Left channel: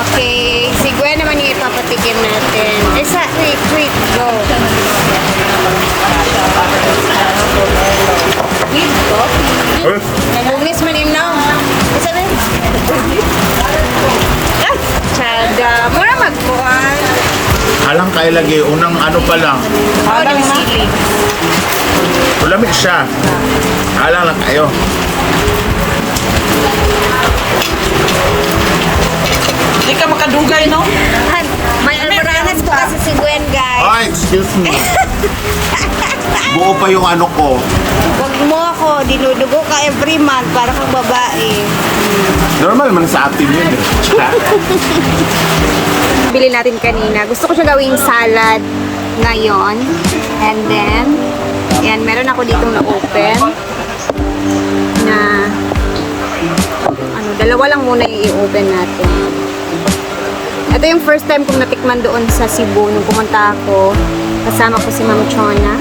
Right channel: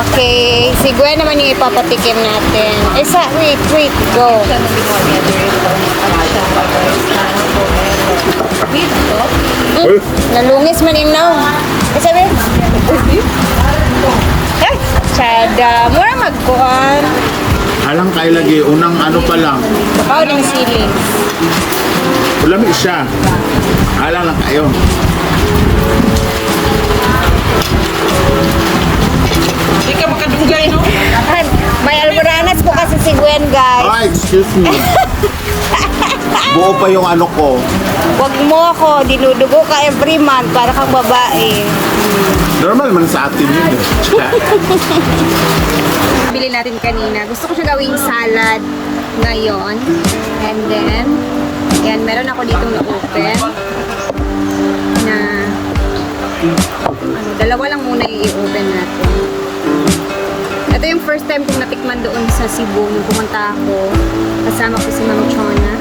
Okay, si Gwen naman yung ipapatikim natin. Wait, go. Nalungis man yung now. What's sabi? Ay, tsada. Mura magkuhan. Alang kay lagi, unang ano pa lang. Oh, yung sili. Ulami siya. Alang lang kayo. Hindi ka makadugay, no? Ay, may almoranas ko kasi si Gwen, guys. Ay, excuse me. Buo pa yung ano ko. Wag mo ako, dinudugo ka every month para kang babae. Normal man sa atin yun eh. Bili natin kanina. Gusto ko siya gawing salad ngayon. And then, yan, meron ako dito na open. Na, dalawa lang muna i-open natin. Ito yung first time kong natikman doon sa Cebu nung pumunta ako. Kasama ko si Ma'am Chona.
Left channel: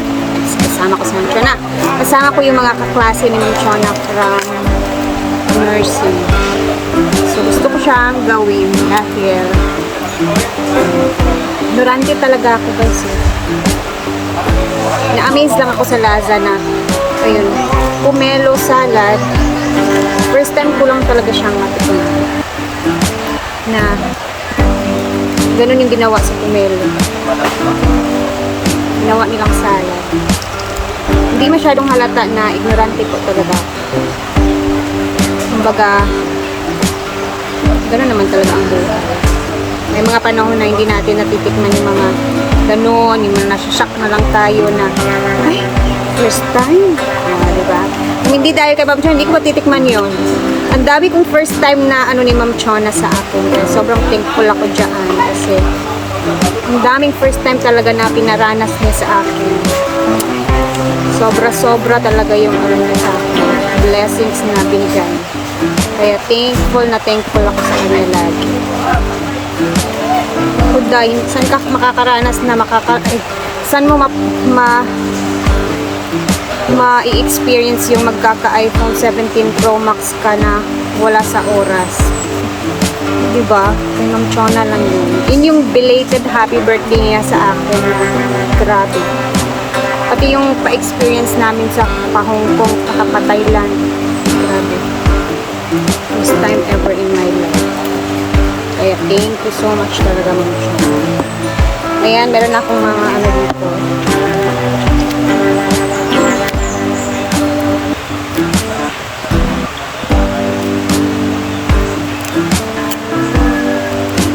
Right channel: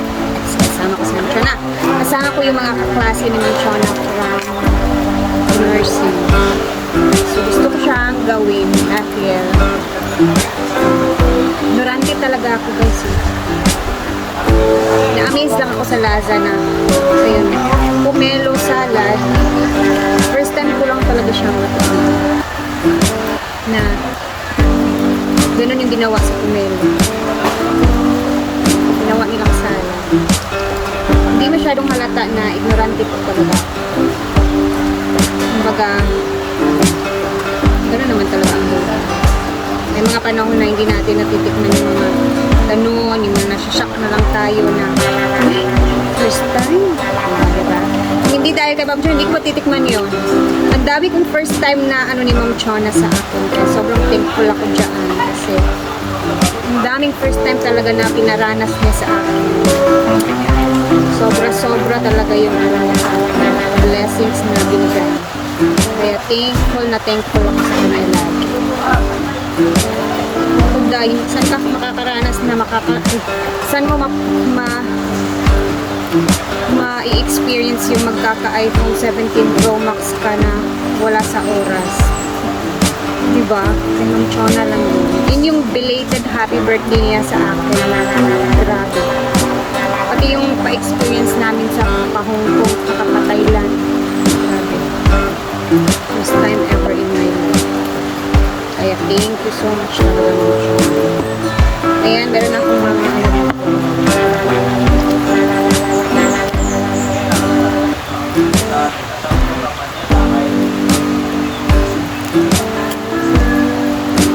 Kasama ko yung mga kaklase ni Ma'am Chona from nursing. So, gusto ko siyang gawin dahil ignorante talaga ako guys eh. Na-amaze lang ako sa Laza na ayun, pomelo salad. First time ko lang talaga siyang matikman na ganun yung ginawa sa pomelo. Ginawa nilang salad. Hindi masyadong halata na ignorante po talaga. Kumbaga, gano'n naman talaga ang buhay. May mga panahon na hindi natin natitikman yung mga gano'n, yung mga nasashock na lang tayo na, ay, first time. Diba? Kung hindi dahil kay Ma'am Chona, hindi ko matitikman yun. Ang dami kong first time na ano ni Ma'am Chona sa akin. Kaya sobrang thankful ako dyan kasi ang daming first time talaga na pinaranas niya sa akin. Sobra-sobra talaga yung ano niya sa akin. Blessings na binigay. Kaya thankful ako sa kanya lagi. So guys, saan ka makakaranas na saan mo ma-experience yung magkaka-iPhone 17 Pro Max ka na wala sa oras? Diba? Kung Ma'am Chona lang yun. Yun yung belated happy birthday niya sa akin na grabe. Pati yung pa-experience namin sa pa-Hong Kong, pa-Thailand. Grabe. First time ever in my life. Kaya thank you so much talaga Ma'am Chona. Ayan, meron akong mga ano dito.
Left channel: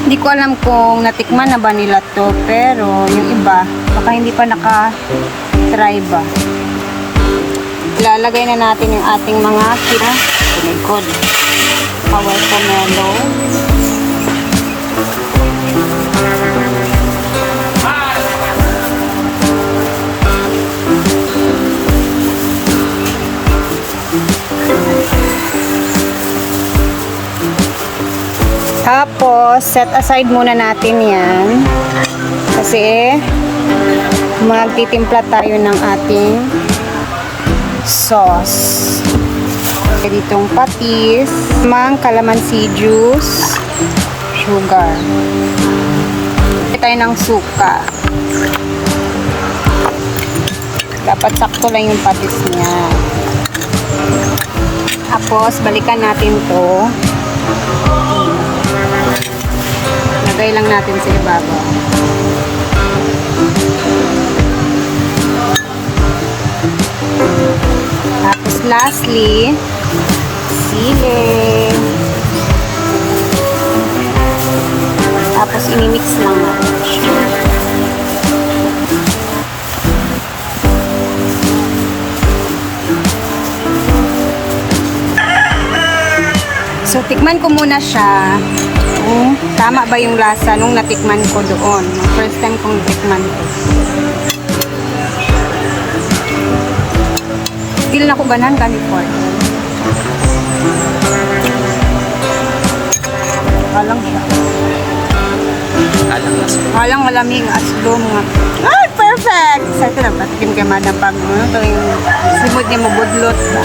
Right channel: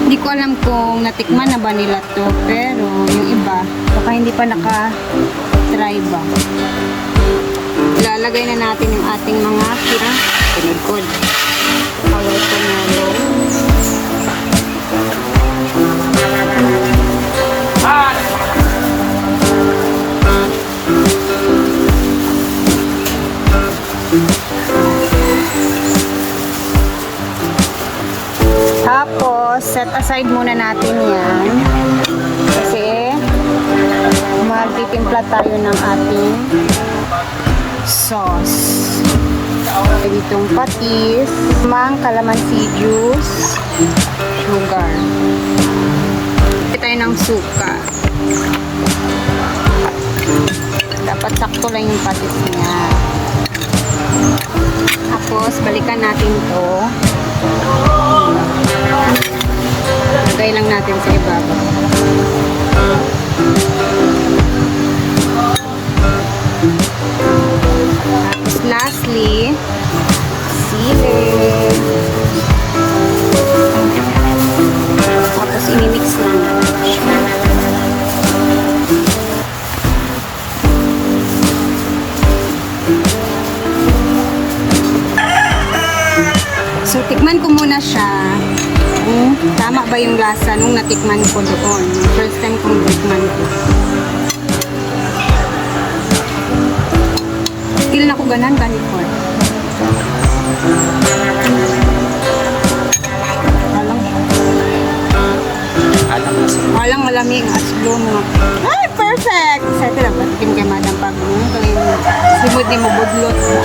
Hindi ko alam kung natikman na ba nila to, pero yung iba, baka hindi pa naka-try ba. Ilalagay na natin yung ating mga silikod. Power pomelo. Set aside muna natin yan kasi magtitimpla tayo ng ating sauce. Ditong patis, calamansi juice, sugar. Ito tayo ng suka. Dapat sakto lang yung patis niya. Tapos balikan natin to. Lagay lang natin sa ibabaw. Tapos lastly, sili. Tapos imimix lang natin siya. So, tikman ko muna siya. Tama ba yung lasa nung natikman ko doon? First time kong natikman ko. Still na ko ganan before. Walang malamig at slow mga. Ay, perfect! Excited lang. Patikin ka madang pag-uno. Simod niya mabudlot ba?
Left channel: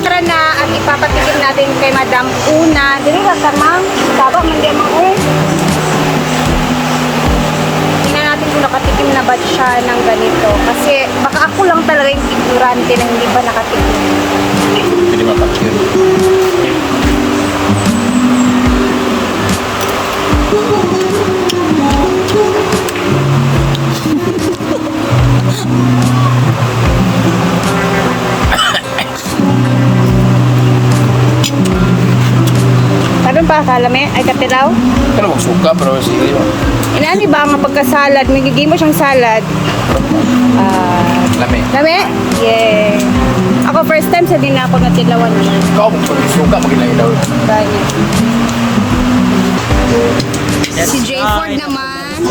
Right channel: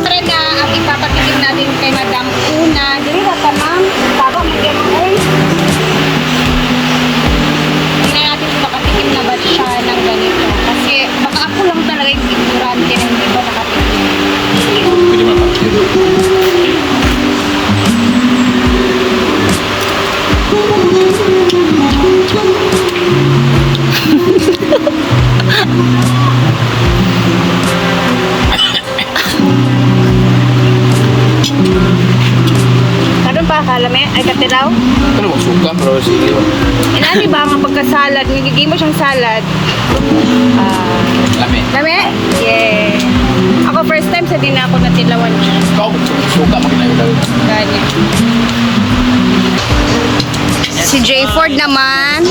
Tara na at ipapatikim natin kay Madam Una. Dili ba tamang? Taba, magyamang eh. Tingnan natin kung nakatikim na ba siya ng ganito. Kasi baka ako lang talaga yung ignorante na hindi ba nakatikim. Pwede mapak yun. Karon pa kalame ay katilaw. Ano mo suka pero sige mo. Inani ba ang pagka-salad? Magiging mo siyang salad. Lami. Lame? Yeah. Ako first time sa din ako natilawan siya. Ikaw mo suka magilaw. Ganyan. Si J. Ford naman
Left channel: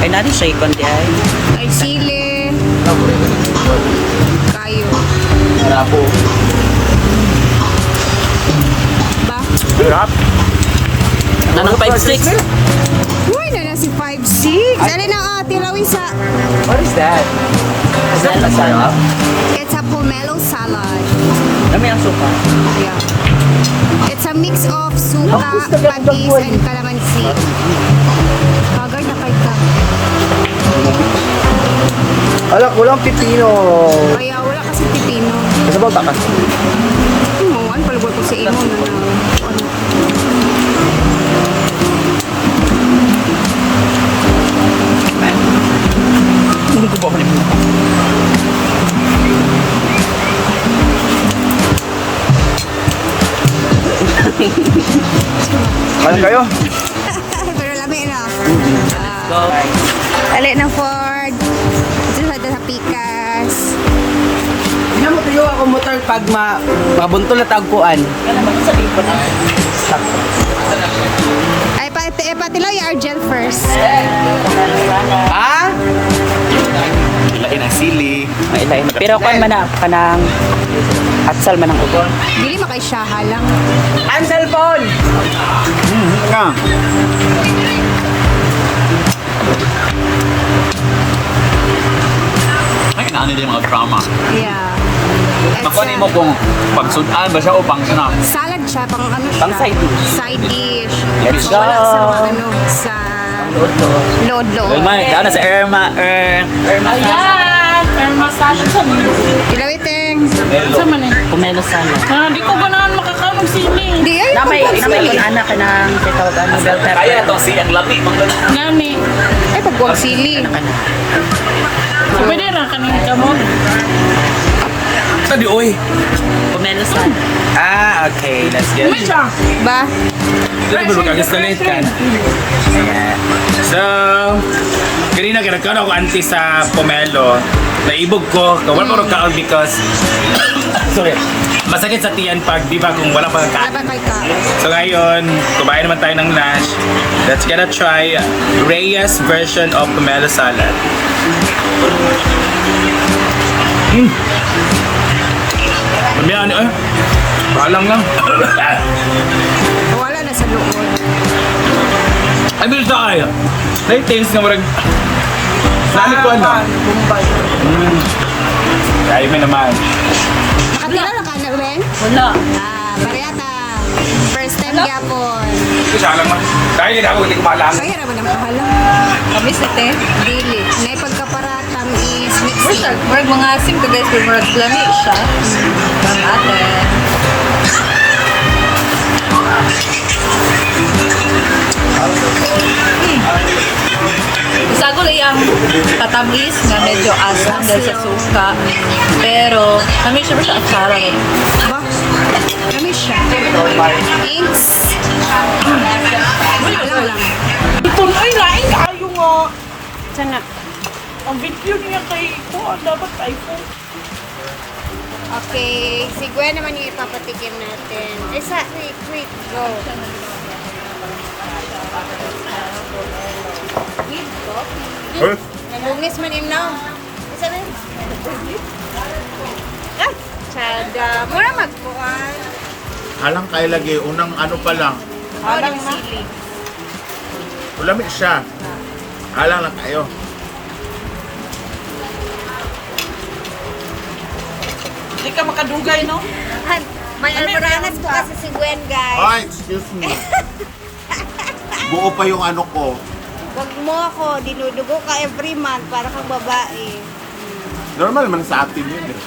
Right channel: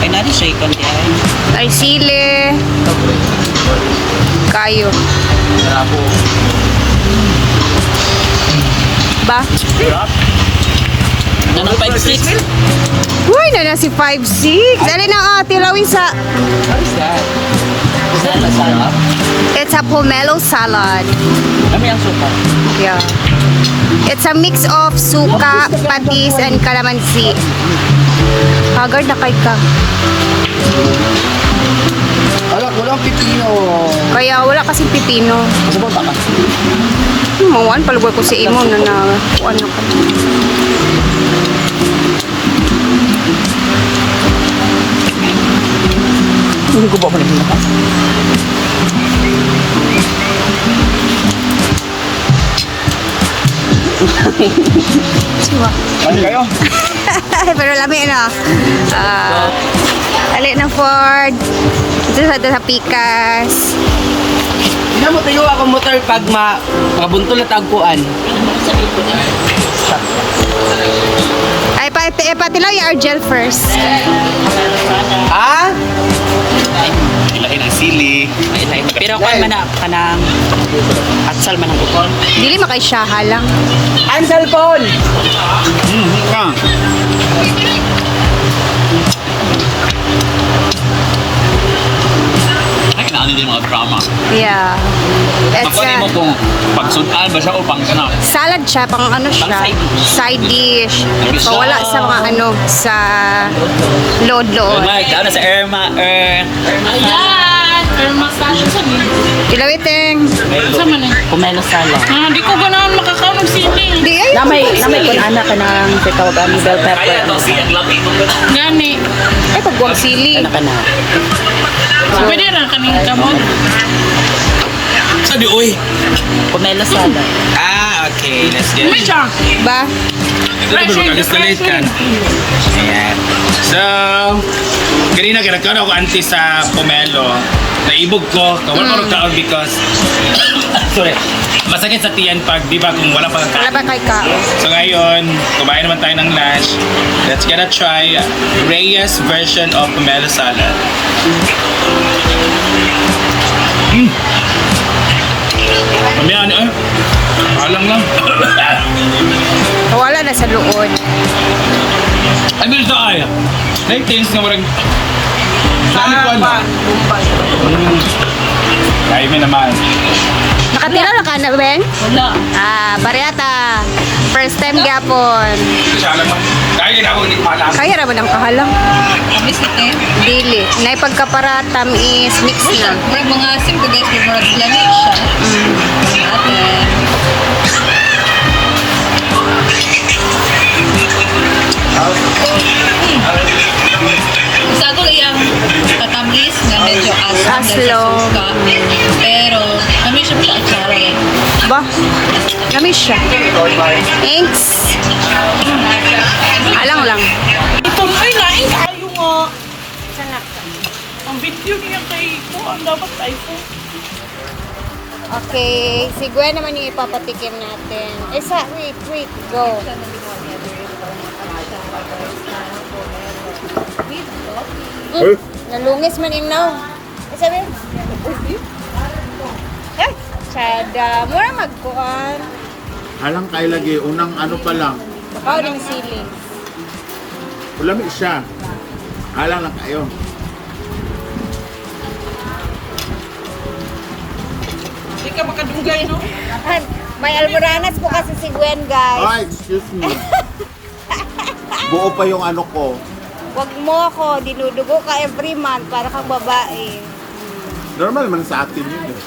Ay, natin siya ikon di ay. ay sili. Kayo. Ba? Sarap. Nanang 5-6. Uy, na si 5'6". Dali na tilawin sa... What is that? Is that masarap? It's a pomelo salad. Kami ang suka. Yeah. It's a mix of suka, patis, and calamansi. Haggard na kay ka. Alak, walang pipino. Kaya wala kasing pipino. Kasi ba takas? Mawan, palugay ko si Imo na kuan na ka. Hindi ko ba malihita? Ano kayo? Pero lami na. Ali na Ford. Ito sa Pikas. Nga mo tayo ako motor pag mabuntol na tagpuan. Ay, patilaw yung Argel first. Ha? Ilahin ang sili. Pero kung man na, kanang atsal man ang kupon. Dili makay siya halang. Ang cellphone! Nga. Ay, kailangan din mga drama. Yeah. It's Makuha mo kung pagsudan ba siya o pang snack. salad siya, pang ano siya? Pang side dish. Side dish. Nabis. So, wala sa mga ano, sa load-load. Ano sa Irma? Ayan! Irma salad sa mga. Ilawiting. Sa man eh? Kumelo salad. Ah, di ko ganahan makakaon sili. Di, ay, Namay pagwag ihana ka ng pitaw ang bell pepper. Gani. Ay, pagwag sili. Ano ka na? Pwede na kaning kamon. Sabi, oy. Kumelo salad. Ah, okay. Let's get May it. siya. Ba? Ito na ba mag-installate ka na? Ayan. So, kanina kinagkaroon ako anti sa pomelo. Naibog ko. Kawal ko kaon because sorry. Masakit sa tiyan pag di ba kung wala pang Wala kain. ba kay ka? So ngayon, kumain naman tayo ng lunch. Let's gonna try Reyes version of pomelo salad. Mamaya ano eh? Palang lang. Wala na sa luod. Ay, bilis na kaya. Nai-taste nga marag... Lalo ko ano? Dahil may naman. Nakatira na ka na, Ben? Wala. Bariata. First time gyapon. Isa lang mo. Dahil yun ako hindi ko maalam. Kaya naman ang kahalang. Kami si Ten. Dili. Na pagkaparatam is mix na. Murag mga asim ka guys, murag lami siya. Murag atin. Sagol iyang katamis nga medyo asam dahil sa Aslo. suka. Pero, kami siya atsara rin. Ba? Kami siya. Thanks. Alang lang. Ito ay nain kayo nga. Sana. Ang video niya kay ko, ang dapat iPhone. Okay. Si Gwen naman yung ipapatikim natin. Wait. Go. Nalungis man ilaw. Ano sabi? Ay! Sada. Mura magkuhan. Halang kayo lagi, unang ano pa lang. Nakaw ng sili. Ulami siya. Halang lang kayo. ka makadugay, no? Ay, may almoranas po kasi si Gwen, guys. Ay, excuse me. Buo pa yung ano ko. Wag mo ako, dinudugo ka every month para kang babae. Normal man sa atin yun eh.